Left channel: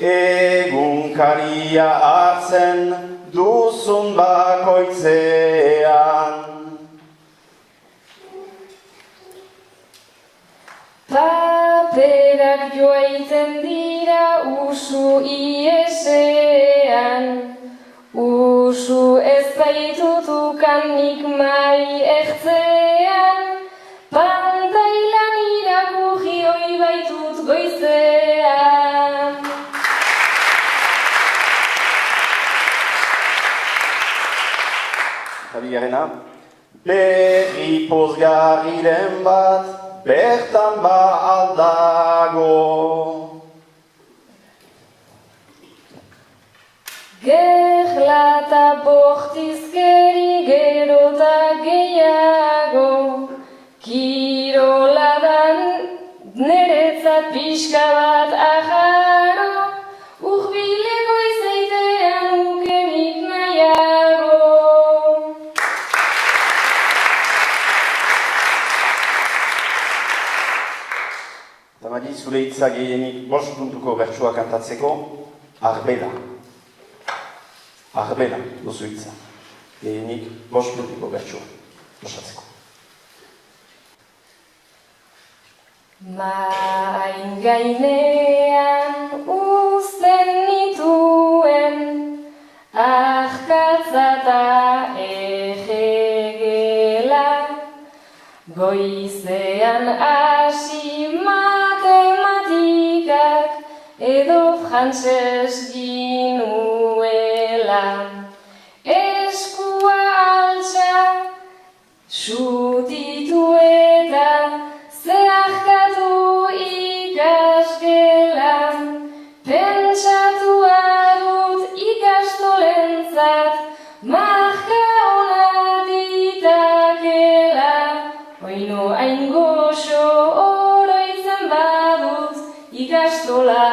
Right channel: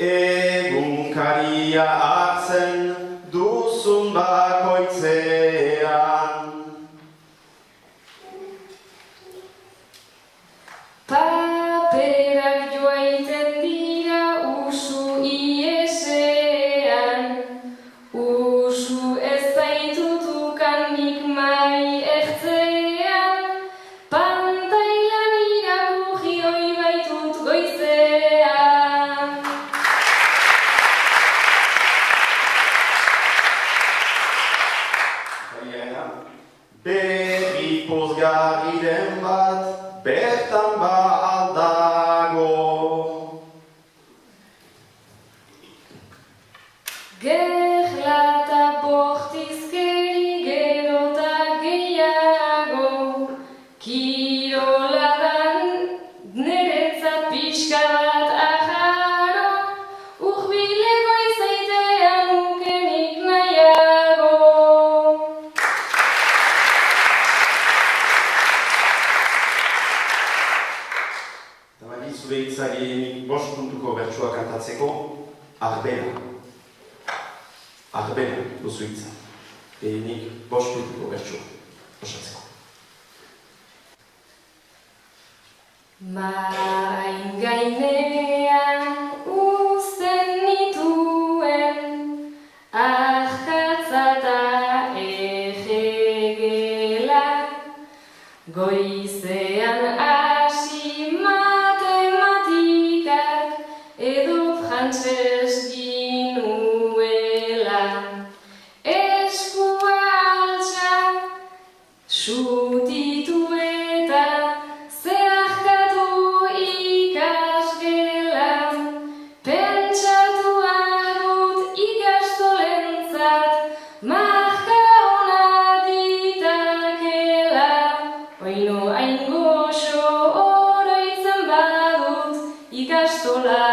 egunkaria hartzen duzun bakoitzean. Paperak joaiten dira usu iesean, usu ez baitutukan nik mai ertzean, pantailan irakurri hoi baitut goizean. Javiarena, berri pozgarriren bat, bertan ba aldago. Gerla eta bortizkeri gero da gehiago, kiroladan neretzat pixka bat aharo, urbileko izaitean ukenik nahiago. Tabari zure hitza gehienik 5 puntuko bertsoa kantatzeko, arbela. Arbela duzu hitza. Gehienik 5 puntuko bertsoa osatzeko. Main gainean uzten nituen, ahkatza eta egegela, goizean hasi matematikak edo frantses ginuela. Eskua altxa, sutitu eta zeharkatu ikasgelan, pentsatua dut ikastolentzat, marka ona ditakela, oino hain goxo oroitzen badut ikastola.